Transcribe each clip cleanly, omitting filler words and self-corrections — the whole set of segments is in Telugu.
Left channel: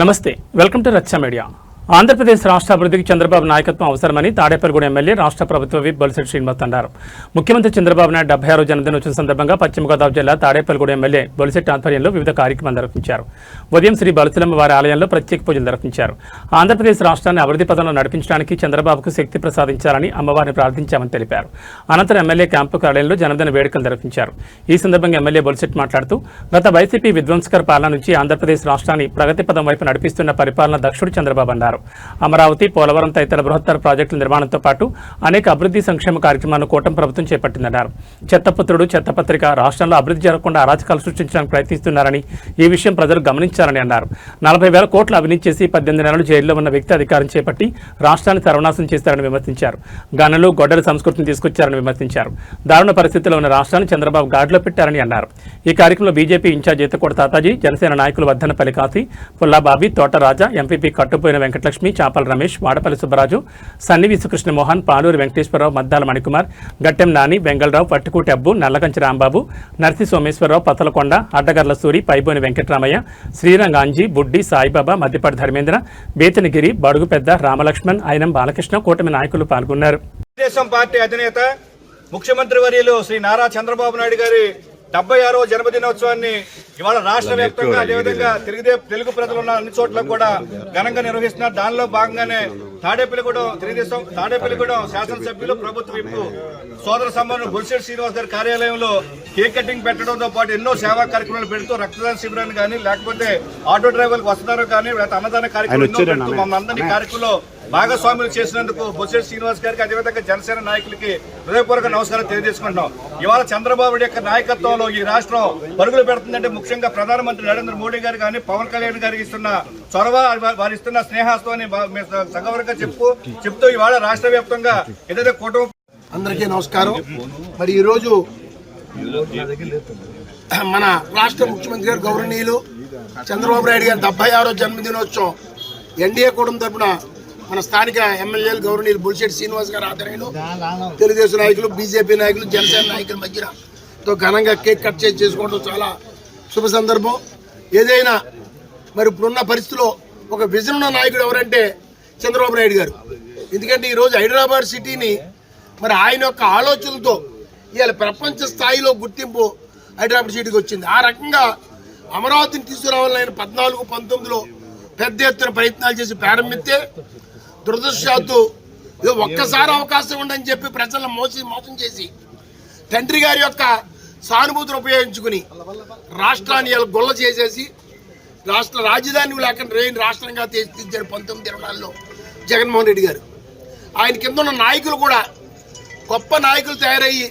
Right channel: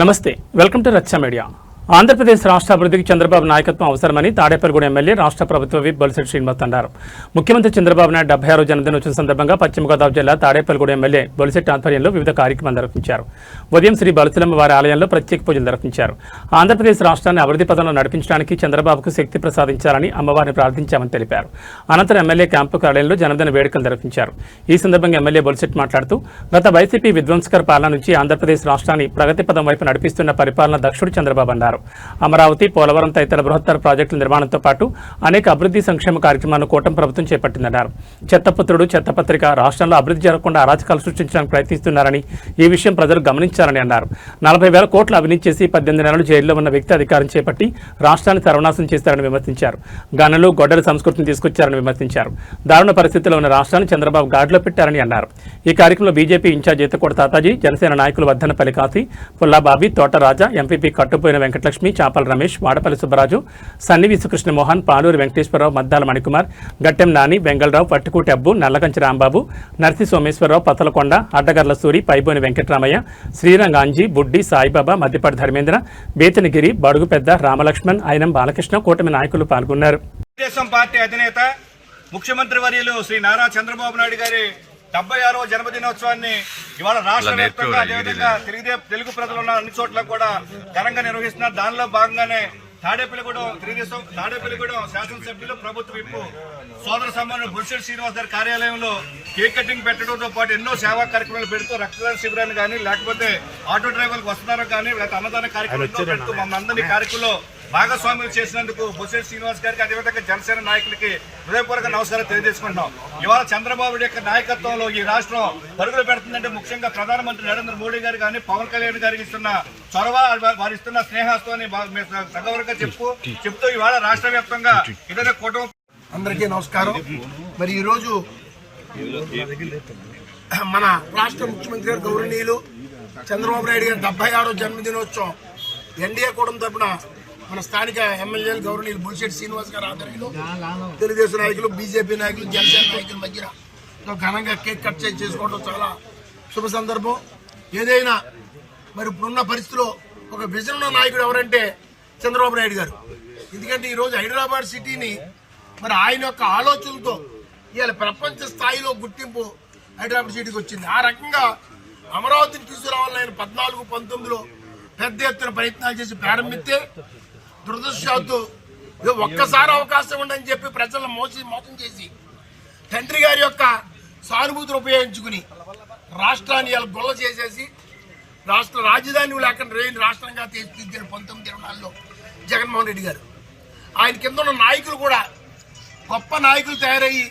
నమస్తే, వెల్కమ్ టు రచ్చ మీడియా. ఆంధ్రప్రదేశ్ రాష్ట్ర అభివృద్ధికి చంద్రబాబు నాయకత్వం అవసరమని తాడేపల్లిగూడెం ఎమ్మెల్యే రాష్ట్ర ప్రభుత్వ విప్ బొలిశెట్టి శ్రీనివాస్ అన్నారు. ముఖ్యమంత్రి చంద్రబాబు నాయుడు 76వ జన్మదినోత్సవం సందర్భంగా పశ్చిమ గోదావరి జిల్లా తాడేపల్లిగూడెం ఎమ్మెల్యే బొలిశెట్టి ఆధ్వర్యంలో వివిధ కార్యక్రమాలు నిర్వహించారు. ఉదయం శ్రీ బలసలమ్మ వారి ఆలయంలో ప్రత్యేక పూజలు నిర్వహించారు. ఆంధ్రప్రదేశ్ రాష్ట్రాన్ని అభివృద్ధి పథంలో నడిపించడానికి చంద్రబాబుకు శక్తి ప్రసాదించాలని అమ్మవారిని ప్రార్థించామని తెలిపారు. అనంతరం ఎమ్మెల్యే క్యాంపు కార్యాలయంలో జన్మదిన వేడుకలు నిర్వహించారు. ఈ సందర్భంగా ఎమ్మెల్యే బొలిశెట్టి మాట్లాడుతూ గత వైసీపీ విధ్వంసకర పాలన నుంచి ఆంధ్రప్రదేశ్ రాష్ట్రాన్ని ప్రగతి పథం వైపు నడిపిస్తున్న పరిపాలన దక్షుడు చంద్రబాబు అన్నారు. అమరావతి, పోలవరం తదితర బృహత్తర ప్రాజెక్టుల నిర్మాణంతో పాటు అనేక అభివృద్ధి సంక్షేమ కార్యక్రమాలను కూటమి ప్రభుత్వం చేపట్టిందన్నారు. చెత్తపుత్రుడు, చెత్తపత్రిక రాష్ట్రంలో అభివృద్ధి జరగకుండా అరాచకాలు సృష్టించడానికి ప్రయత్నిస్తున్నారని, ఈ విషయం ప్రజలు గమనించాలని అన్నారు. 40,000 కోట్ల అవినీతి చేసి 18 నెలలు జైల్లో ఉన్న వ్యక్తి అధికారం చేపట్టి రాష్ట్రాన్ని సర్వనాశనం చేశారని విమర్శించారు. గనులు, గొడ్డల సంస్కృతిని తీసుకొచ్చారని విమర్శించారు. దారుణ పరిస్థితిలో ఉన్న రాష్ట్రాన్ని చంద్రబాబు గాడిలో పెట్టారని అన్నారు. ఈ కార్యక్రమంలో బీజేపీ ఇన్ఛార్జ్ ఈతకోట తాతాజీ, జనసేన నాయకులు వర్ధనపల్లి కాశీ, పుల్లాబాబి, తోటరాజా, ఎంపీపీ కట్టుపోయిన వెంకటలక్ష్మి, చాపల రమేష్, వాడపల్లి సుబ్బరాజు, సన్నివేసు కృష్ణమోహన్, పాలూరి వెంకటేశ్వరరావు, మద్దాల మణికుమార్, గట్టెం నాని, వెంగళరావు, పట్టుకూటి అబ్బు, నల్లకంచి రాంబాబు, నర్సి సోమేశ్వరరావు, పతలకొండ, అడ్డగర్ల సూరి, పైబోని వెంకటరామయ్య, శ్రీరంగాంజీ, బుడ్డి సాయిబాబా, మద్దిపాటి ధర్మేంద్ర, బేతనగిరి, బడుగు పెద్ద, రామలక్ష్మణ్, అయినం బాలకృష్ణ, కూటమి నాయకులు పాల్గొన్నారు. తెలుగుదేశం పార్టీ అధినేత ముఖ్యమంత్రి వర్యులు శ్రీ నారా చంద్రబాబు నాయుడు గారి 76వ జన్మదినోత్సవాన్ని ఇవాళ రాష్ట్ర వ్యాప్తంగా అదేవిధంగా తెలుగు ప్రజలు ఉన్న అన్ని చోట్ల కూడా ఘనంగా నిర్వహిస్తున్నారు. దానిలో భాగంగానే తాడేపల్లిగూడెం శాసనసభ్యులు, ప్రభుత్వ విప్ సోదర సమానం బొలిశెట్టి శ్రీనివాస్ గారి కార్యాలయంలో కేక్ కటింగ్ పెట్టడంతో పాటు ఎన్నో సేవా కార్యక్రమాలు పెడుతూ రక్తదాన శిబిరాన్ని కానీ, లేకపోతే ఆటో డ్రైవర్లకు వస్తున్నారు కానీ, లేకపోతే అన్నదాన కార్యక్రమం పెడుతూ మమ్మల్ని అందరినీ కార్యక్రమంలో భాగస్వాములు చేసినందుకు బొలిశెట్టి శ్రీనివాస్ గారికి, అదేవిధంగా జనసేన నాయకులకి హృదయపూర్వక నమస్కారం తెలియజేసుకుంటున్నాం. ఇవాళ చంద్రబాబు యొక్క నాయకత్వంలో ఈ రాష్ట్రం పరుగులు పెడుతుందంటే ముఖ్యంగా ప్రధానమంత్రి నరేంద్ర మోడీ గారు కానీ, పవన్ కళ్యాణ్ గారికి ఇస్తున్న చొరవ, వారు ఇస్తున్న స్నేహాస్తోని సగౌరవంగా చెప్తూ ఇవాళ రాష్ట్ర వ్యాప్తంగా ఏదైతే కుటుంబం. అందరికీ నమస్కారం. మరి ఈరోజు మన రాష్ట్ర ముఖ్యమంత్రి గారు గౌరవనీయులు చంద్రబాబు నాయుడు గారి 76వ జన్మదినోత్సవం ఎన్డీఏ కూటమి తరపున మన స్థానిక ఎమ్మెల్యేలు గౌరవనీయులు బొలిశెట్టి శ్రీనివాస్ గారి ఆధ్వర్యంలో తెలుగుదేశం నాయకులు, బీజేపీ నాయకులు, జనసేన నాయకుల మధ్యతో ఘనంగా కేక్ కట్ చేసుకోవడం చాలా శుభ సందర్భం. ఏదైనా మరి ఇప్పుడున్న పరిస్థితిలో ఒక విజన్ ఉన్న నాయకుడు ఎవరంటే చంద్రబాబు నాయుడు గారు. ఎందుకంటే ఈరోజు హైదరాబాద్ సిటీని మరి ఆయన యొక్క ఆలోచనలతో ఇవాళ ప్రపంచ స్థాయిలో గుర్తింపు హైదరాబాద్ సిటీకి వచ్చింది. ఆ రకంగా అమరావతిని తీసుకురావాలని ఆయన 14, 19లో పెద్ద ఎత్తున ప్రయత్నాలు చేసి ప్రారంభిస్తే దురదృష్టవశాత్తు ఒక్కసారి అవకాశం ఉండని చెప్పి ప్రజలను మోసం చేసి తండ్రి గారి యొక్క సానుభూతిని ఉపయోగించుకుని రాష్ట్రాన్ని ఇలా గొల్ల చేసేసి రాష్ట్ర రాజధాని లేకుండా రాష్ట్రంగా తీర్చిదిద్దారు 1924లో జగన్మోహన్ రెడ్డి గారు. ఆయన కింద ఉన్న నాయకులు కూడా గొప్ప నాయకులు తయారయ్యి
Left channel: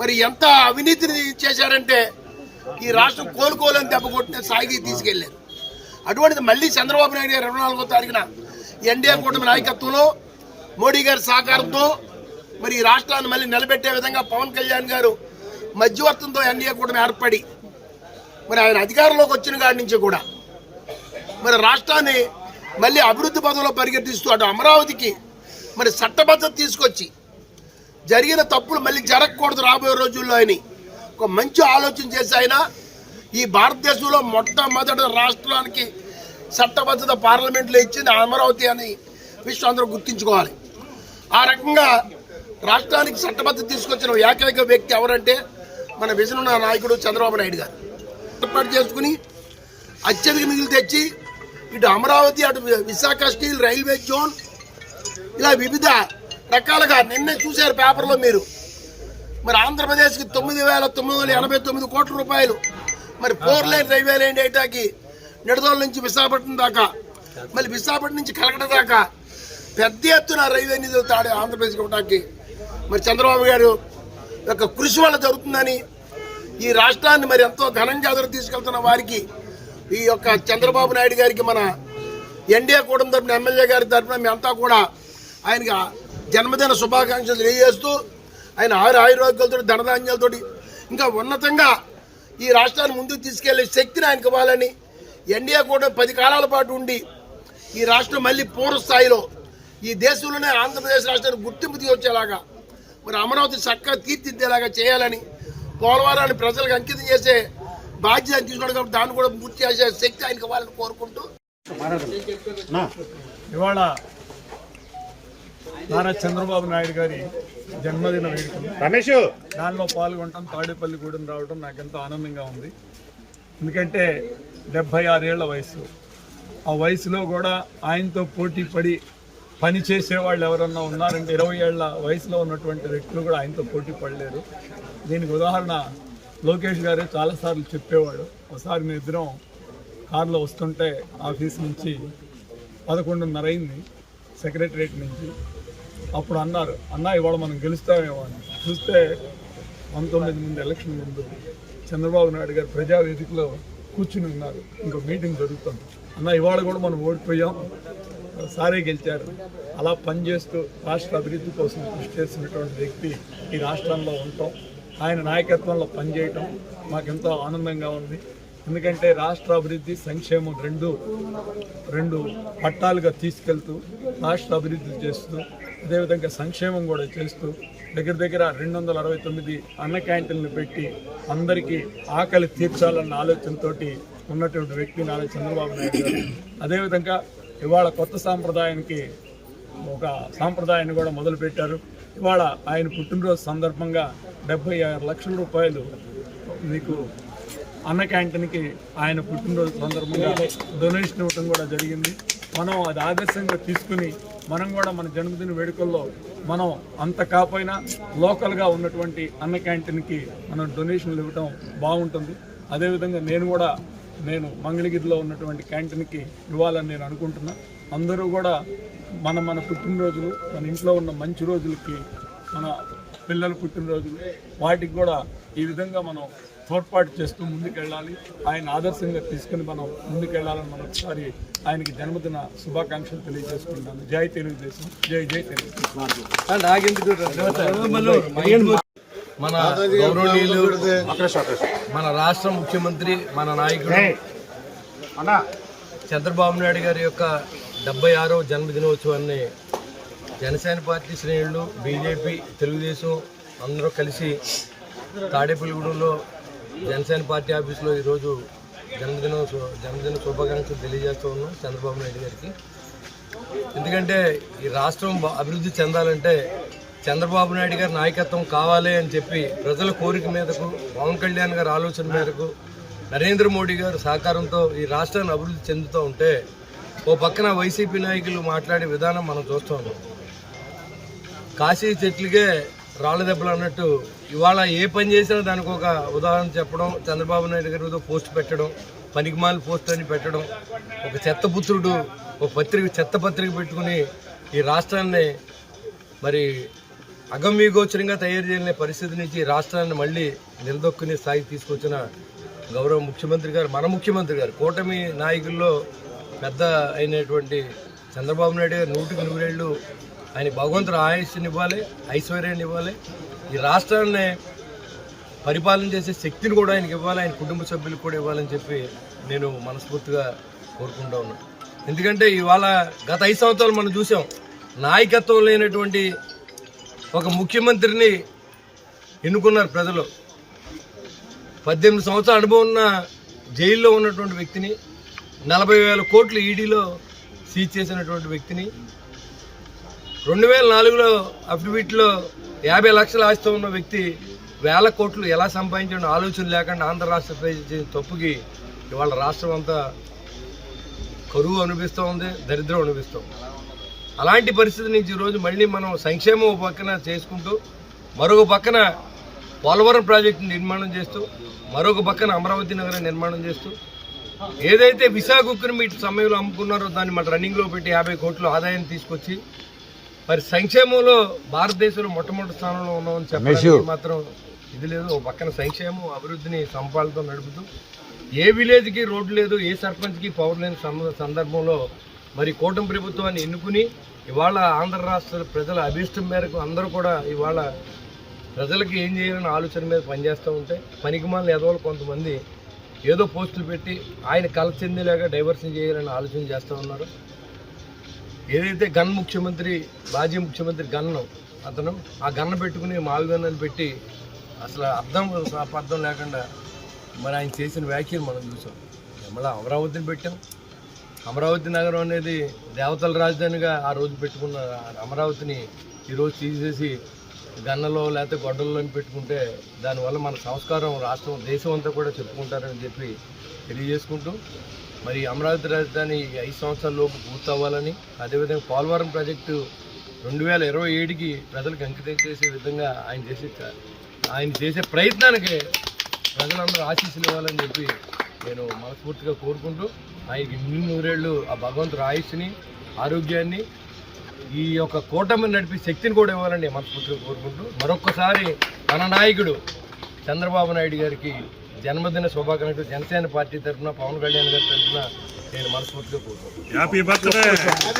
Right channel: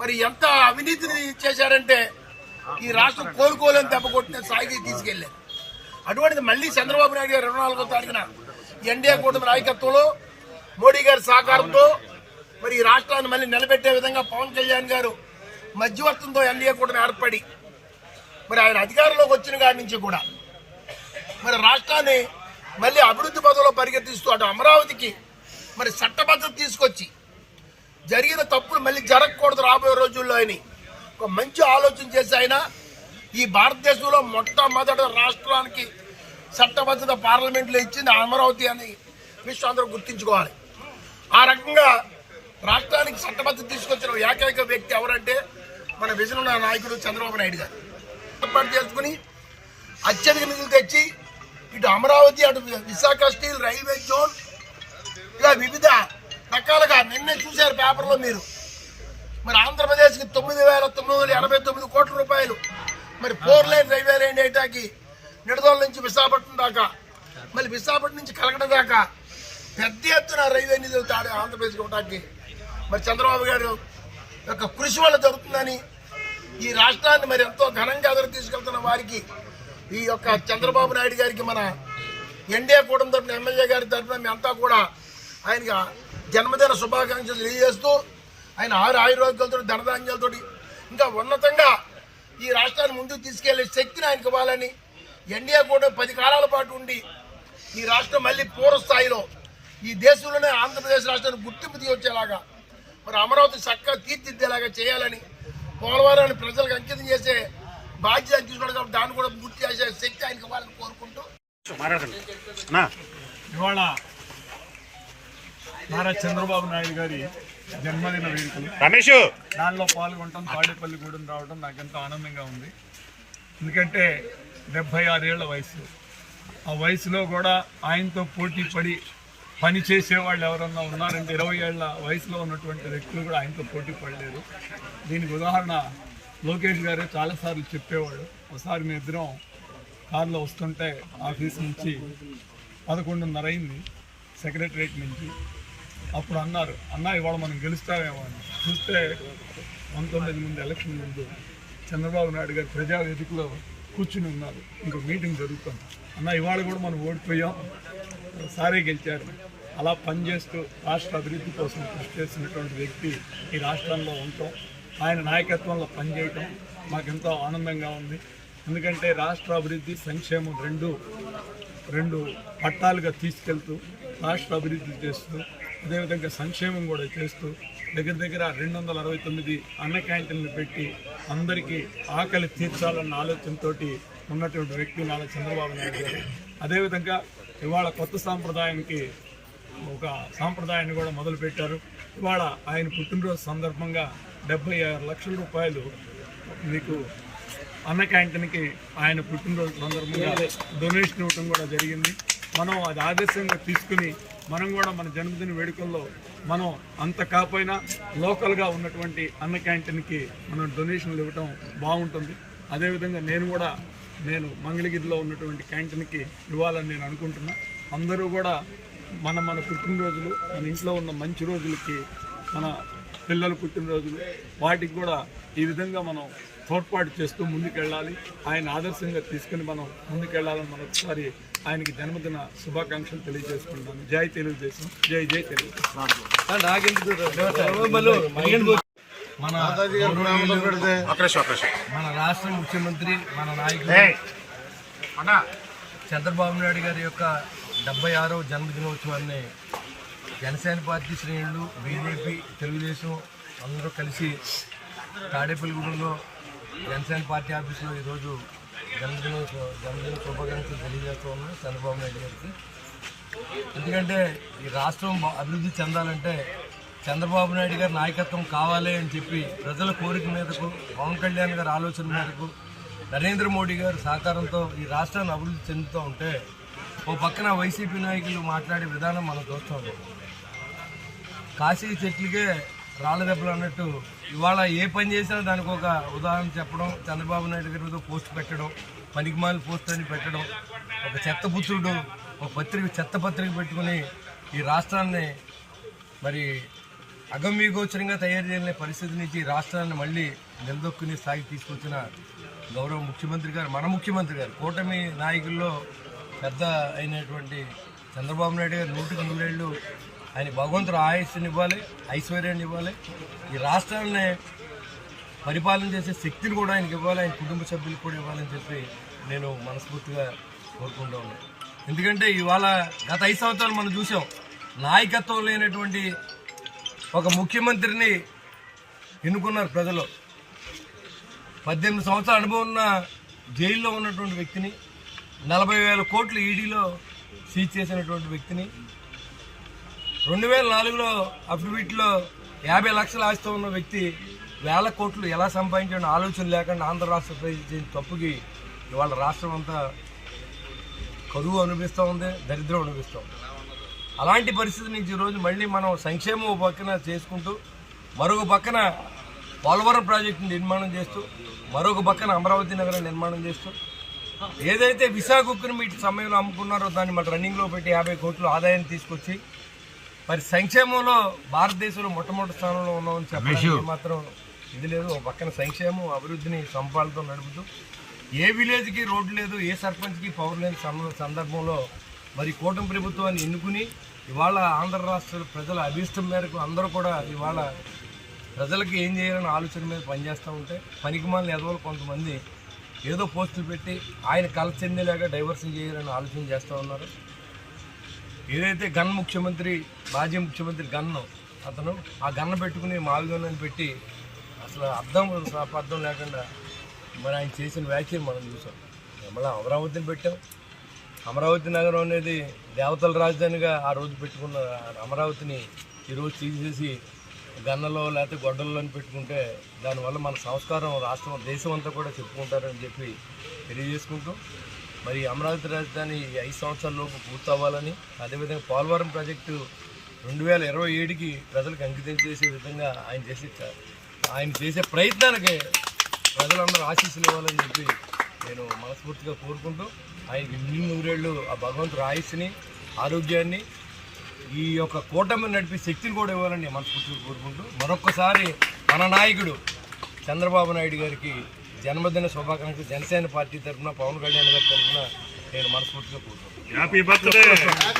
మరి ఎంత అవినీతిని చేశారంటే ఈ రాష్ట్రం కోలుకోలేని దెబ్బ కొట్టిన సాగి తీసుకెళ్లారు. అటువంటిది మళ్ళీ చంద్రబాబు నాయుడు గారు 24వ తారీఖున ఎన్డీఏ కూటమి నాయకత్వంలో మోడీ గారి సహకారంతో మరి ఈ రాష్ట్రాన్ని మళ్ళీ నిలబెట్టే విధంగా పవన్ కళ్యాణ్ గారు మధ్యవర్తంతో ఎన్డీఏ కూటమి ఏర్పడి మరి ఆయన అధికారంలోకి వచ్చిన కాడి నుంచి కూడా మరి రాష్ట్రాన్ని మళ్ళీ అభివృద్ధి పదంలో పరిగెత్తిస్తూ అటు అమరావతికి మరి చట్టబద్ధత తీసుకొచ్చి జరిగిన తప్పులు మళ్ళీ జరగకూడదు రాబోయే రోజుల్లో అని ఒక మంచి ఆలోచన చేసి ఆయన ఈ భారతదేశంలో మొట్టమొదటి రాష్ట్రానికి చట్టబద్ధత పార్లమెంట్లో ఇచ్చింది అమరావతి అని విషయం అందరూ గుర్తుంచుకోవాలి. ఆ రకంగా రాష్ట్రానికి చట్టబద్ధత తీసుకొచ్చిన ఏకైక వ్యక్తి ఎవరంటే మన విజన్ ఉన్న నాయకుడు చంద్రబాబు నాయుడు గారు. ఏర్పాటు చేసుకుని అత్యధిక నిధులు తెచ్చి ఇటు అమరావతి, అటు విశాఖ స్టీల్, రైల్వే జోన్ ఇలా వివిధ రకాలుగా నిన్నే చూశారు పేపర్లో మీరు. మరి ఆంధ్రప్రదేశ్కి 9,989 కోట్ల రూపాయలు మరి 4 లైన్ రైల్వే లైన్ డేటాకి నిడదోల నుంచి విశాఖపట్నం దాకా, మళ్ళీ విశాఖపట్నం నుంచి కలకట దాకా పెద్ద ఎత్తున రైల్వే నిధులు తాడే ఆంధ్రప్రదేశ్ ఇవ్వడానికి మరి చంద్రబాబు గారు యొక్క కృషి వల్ల జరుగుతుందని ఈ రాష్ట్రాన్ని మరి ఎంతో ఘనంగా ఎదురు తీసుకెళ్తున్న వారికి ఈ యొక్క చంద్రబాబు నాయుడు గారికి మన ఎన్డీఏ కూటమి తరపున ఎమ్మెల్యే గారి తరపున మేమంతా కూడా ఆయనకి జన్మదిన శుభాకాంక్షలు తెలియజేస్తూ ఆయన ఆయురారోగ్యాలతో, ధనధాన్యాలతో ఇంకా ఉన్నతంగా ఈ రాష్ట్రాన్ని ముందుకు తీసుకెళ్లే శక్తిని ఆయనకు ఇవ్వాలని ఎన్డీఏ కూడా 10 కాలాల పాటు ఉండి ఈ రాష్ట్రం మళ్ళీ పూర్వ స్థాయిలో ఈ దేశంలోనే ఆంధ్రప్రదేశ్ రాష్ట్రానికి గుర్తింపు తీసుకొచ్చేలాగా మరి అమరావతి చక్కగా తీర్చిదిద్దేలాగా చేయాలని, పోలవరాన్ని ప్రజలకు అంకితం చేసే బాధ్యత తీసుకోవడం కాబట్టి దాన్ని కూడా పూర్తి చేసే శక్తి ఆయనకు ఇవ్వాలని కోరుకుంటూ ఇవాళ నారా చంద్రబాబు నాయుడు గారి జన్మదిన వేడుకలు దానిలో పాల్గొనడం తాడేపల్లిగూడెం రావడం నాకు ఎంతో ఆనందంగా ఉంది. ఎందుకంటే 76 ఏళ్ల వయసు, ఆ వయసులో కూడా ఆయనతో పోటీ పడి పని చేసేవాళ్ళు ఎవరన్నా ఉన్నారంటే 20 ఏళ్ల వయసులో ఉన్నటువంటి వ్యక్తులు కూడా ఆయనతో పోటీ పడలేరు. దీనికి ఉదాహరణ లోకేష్ గారే చాలాసార్లు చెప్పేవాడు. ఒకసారి మేము ఇద్దరం కారులో వస్తుంటే ఆఫీస్ నుంచి 11:30 అయింది, సెక్రటరేట్ నుంచి. అప్పుడు అన్నారు, అన్న ఇవాళ మనం గెలుస్తామేమో అని. చూస్తే 19 ముందు ఎలక్షన్ ముందు చంద్రబాబు నాయుడు గారు ప్రజావేదికలో కూర్చుని ఉన్నారు, ఇంకో మీటింగ్ జరుగుతుంది. అన్న ఇవాళ కూడా మనం ఓడిపోయాం, సారే గెలిచారు. అలా పనిచేస్తూ రాష్ట్ర అభివృద్ధి కోసం కృషి చేసినటువంటి వ్యక్తి ఈ రాష్ట్రంలో ఉంటాం, ఆయన నాయకత్వంలో పనిచేయటం మాకెంతో ఆనందంగా ఉంది. ఎందుకంటే రాష్ట్ర అభివృద్ధి సంక్షేమం రెండు పట్టాలుగా తీసుకెళ్తూ రాష్ట్ర అభివృద్ధి చేస్తూ అదేవిధంగా సంక్షేమం కూడా చేస్తూ దగ్గర 269 అన్న క్యాంటీన్లు పెట్టి అందరికీ ఆకలి తీర్చాలన్న ఆలోచనతో ఉన్నటువంటి వ్యక్తి నారా చంద్రబాబు నాయుడు గారు. అదేవిధంగా ఇవాళ కొత్త సాంప్రదాయానికి ఒక సాంప్రదాయాన్ని కూడా మొదలుపెట్టారు. ఇవాళ ఆయన పుట్టినరోజు సందర్భంగా 76 లక్షల రూపాయలు మీకు అన్న క్యాంటీన్కి ఆయన పుట్టినరోజు సందర్భంగా డొనేషన్ ఇవ్వడం కూడా జరిగింది. మనం అది ఆదర్శంగా తీసుకుని మనం కూడా మన జన్మదిన వేడుకల్లో మనం అంత కాకపోయినా లోకల్గా ఉన్నటువంటి అన్న క్యాంటీన్కి మనం డొనేషన్లు ఇవ్వడం బాగుంటుంది. అదేవిధంగా నేను మంగళగిరిలో ఉన్నటువంటి క్యాంటీన్కి ఇవ్వాలని నేను అనుకుంటున్నా. అందరూ కూడా మన పుట్టినరోజులు, మన ఇంట్లో ఉన్న మంచి రోజులకి, మన పిల్లల పుట్టినరోజులు వాటికి కూడా ఈ విధంగా మనం తోడ్పాటు చేస్తూ ముందుకెళ్ళాలి. ఆయన ఆదర్శంగా తీసుకుని మనం ముందుకెళ్లాలని మరొకసారి ఆయనకి జన్మదిన శుభాకాంక్షలు తెలియజేసుకుంటాను. జై తెలుగుదేశం, జై జై తెలుగుదేశం. మన గౌరవనీయులు మన రాష్ట్ర ముఖ్యమంత్రి మన నాయకుడు చంద్రబాబు నాయుడు గారి యొక్క 76వ జన్మదినోత్సవాన్ని జనసేన పార్టీ శ్రేణులు, బీజేపీ, తెలుగుదేశం అందరూ కలిసి తాడేపల్లిగూడెంలో జనసేన పార్టీ ఆఫీసులో ఈరోజు జన్మదిన శుభాకాంక్షలు తెలియజేస్తూ ఉన్నాం చంద్రబాబు నాయుడు గారికి. ఎందుకంటే ఈ రాష్ట్రం అభివృద్ధి చెందాలంటే చంద్రబాబు నాయుడు గారి నాయకత్వం కావాలి అని చెప్పి ప్రజల కోరిక మేరకు, పవన్ కళ్యాణ్ గారి ఆలోచన మేరకు, నరేంద్ర మోడీ గారి సహకారంతో ఈ రాష్ట్రాన్ని అభివృద్ధి చెందుతూ ఉంటే ఓ పక్కన వైసీపీ నాయకులు మాట్లాడే విధానం మనం చూస్తూ ఉన్నాం. కాశీ చెట్లుగే రాళ్ళ దెబ్బలు అన్నట్టు ఇవాళ ఏ పని చేసినా దానికి ఒక ఉదాహరణ చెప్పడం, చంద్రబాబు నాయుడు గారి మీద పోస్ట్ పెట్టడం, పనికిమాలి పోస్ట్ అని పెట్టడం, ఒక చెత్తపుత్రుడు ఒక చెత్త పత్రిక పెట్టుకుని ఈ రాష్ట్రాన్ని మరి అగమ్యగోచరంగా తయారు చేయని పరిస్థితి నుంచి రాష్ట్రాన్ని మళ్ళీ నిలదొక్కునే స్థాయికి తీసుకొచ్చిన గౌరవ ముఖ్యమంత్రి గారు, మన ముఖ్యమంత్రి గారు, కూటమి నాయకుల్లో పెద్ద అయినటువంటి చంద్రబాబు నాయుడు గారు 100కి 100 ఏళ్ళు ఆయన భగవంతుడు ఆయుష్ని ఇవ్వాలి, ఐశ్వర్యాన్ని ఇవ్వాలి, ఈ రాష్ట్రాన్ని పరిపాలన చేసే శక్తిని కూడా ఆయనకి ఇవ్వాలి, ఆయన కుటుంబ సభ్యులకు కూడా ఇవ్వాలని చెప్పి నేను మనస్ఫూర్తిగా కోరుకుంటా ఉన్నాను. ఎందుకంటే ఇవాళ గత 5 సంవత్సరాలు మనం చూసాం, నాయకత్వం లేనటువంటి ఒక ముఖ్యమంత్రిని ఎన్నుకున్నారు ప్రజలు. 18 సంవత్సరాల అనుభవం ఉన్న జైల్లో ఉన్నటువంటి వ్యక్తిని, 40,000 కోట్లు ఈడీలో సీజ్ చేసినటువంటి వ్యక్తిని, 2004లో అఫిడవిట్లో 50 లక్షల ఆస్తి ఉన్న వ్యక్తి 1000 కోట్లు ఎలా సంపాదించిన ఆలోచన లేకుండా ఆంధ్ర రాష్ట్ర తప్పుకి ఇవాళ రాష్ట్రం అంతా కరువు అనిపిస్తూ ఉంది, దరిద్రం అనిపిస్తూ ఉంది. అలాంటి పరిస్థితి నుంచి ఈరోజు మళ్ళీ మనం సంక్షేమం పక్కన చేసుకుంటూ, మరొక పక్కన పోలవరం ప్రాజెక్టు నిర్మాణం చేస్తూ, మరొక పక్కన అమరావతి నగరం నిర్మాణం చేస్తూ, ఏదైతే విశాఖ ఉక్కును మీట్ సమయంలో అమ్ముకున్నారో దాన్ని మన రన్నింగ్లో పెట్టి 50 కోట్లు ఆదాయాన్ని తీసుకొచ్చి మరి సంక్షేమంలో భారతదేశంలో మొట్టమొదటి స్థానంలో ఉన్నామని చెప్పడానికి మాత్రం ఇది లేదు. ఒక పక్కన సంక్షేమం అభివృద్ధిని సంపాలతో నడుపుతూ, ఏ విలేజ్కి రోడ్డు లేదు, ఏ సర్పంచ్కి పవర్ లేని సందర్భంలో మరి కూటమి ప్రభుత్వాన్ని ఎన్నుకుని ఇవాళ ఆంధ్ర రాష్ట్ర ప్రజల అభిష్టం మేరకు అందరూ కూడా ఇవాళ ప్రజలకి ఏం చేయాలని ఆలోచన మీద పనిచేస్తూ ఉంటే పనికిమాలిన ఎదవలు కొంతమంది ఏదో పోస్టులు పెట్టి ఆయన కల చెందేలాగా డైవర్షన్ చేయాలని ఆలోచన చేస్తూ ఉన్నారు. ఏదైతే గన్ ముఖ్యమంత్రి, మాజీ ముఖ్యమంత్రి గన్ను అతను ఆ గన్ను పెట్టుకుని మావి గన్ను పెట్టి అసలు అర్థం లేకుండా మరి ఆయన చేసిన వ్యాఖ్యలు మనం చూసాం. మళ్ళీ అమరావతిని పెట్టాం, అమరావతి నగరం అనేది దేవతల రాజధానిగా ఆ రోజు పెట్టుకున్న అమరావతిని ఈరోజు తీసేసి గన్నలో లేకపోతే గొడ్డల్లో పెట్టుకుంటే దానివల్ల మన సంస్కారం రాష్ట్రం దేశం అంతా కూడా చెప్పుకుంటారని చెప్పి తెలియజేసుకుంటూ మరి అమరావతి రాజధాని 5 సంవత్సరాలలోపు పూర్తవ్వాలని, అదేవిధంగా పోలవరం ప్రాజెక్టు 2027కి ప్రజలకు అంకితం చేసే విధంగా ఆయన చేసే ప్రయత్నానికి ప్రజలందరూ ఆశీస్సులు ఇవ్వాలని చెప్పి నేను మనస్ఫూర్తిగా కోరుకుంటూ ఆయనకి ఇన్ని నూరేళ్ళు ఆ భగవంతుడు ఆయుష్ని, ఆరోగ్యాన్ని, ఈ యొక్క కూటమిని నడిపే శక్తిని కూడా ఇవ్వాలని మనస్ఫూర్తిగా కోరుకుంటూ మరొక్కసారి మన నాయకుడు చంద్రబాబు నాయుడు గారికి జన్మదిన శుభాకాంక్షలు జనసేన పార్టీ తరఫున, పవన్ కళ్యాణ్ గారి తరఫున నేను మనస్ఫూర్తిగా కోరుకుంటున్నాను.